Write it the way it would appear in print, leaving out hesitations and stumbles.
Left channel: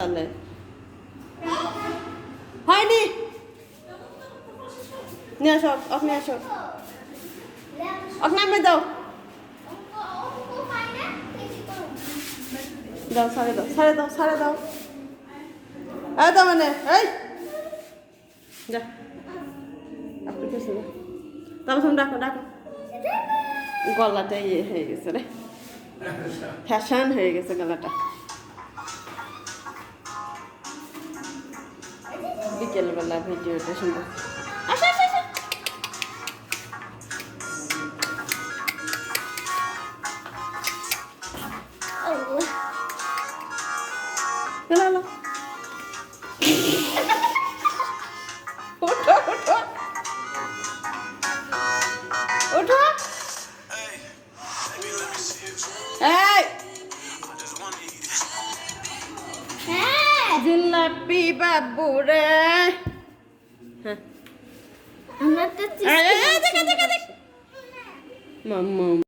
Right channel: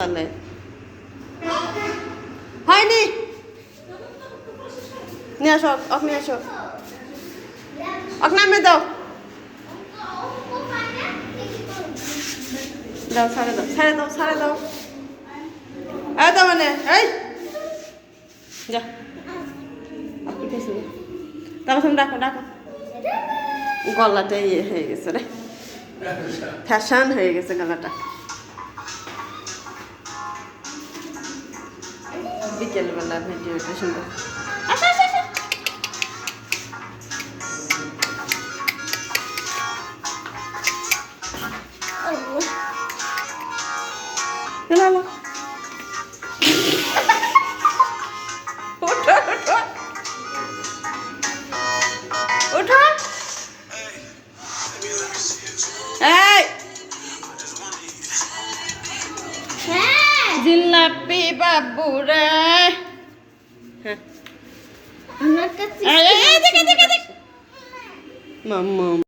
তাহলে হয়নি নিয়ে আসো আপনি আসো নামে দাও দাও ছাড়ে দাও ছাড়ে দাও ছাড়ে দাও এই দাও মানে এই যা তারপর তুমি ডাকো ডাকো গলাটা ইয়ে হয়ে গেছে রে ফ্যাশন হয়ে গেছে গলাটা বিকেলবেলা ভিডিওটা সুন্দর ওঠো ওঠো ওঠো এই জিলাপি বাবু রে আমার কাছে মাম্মা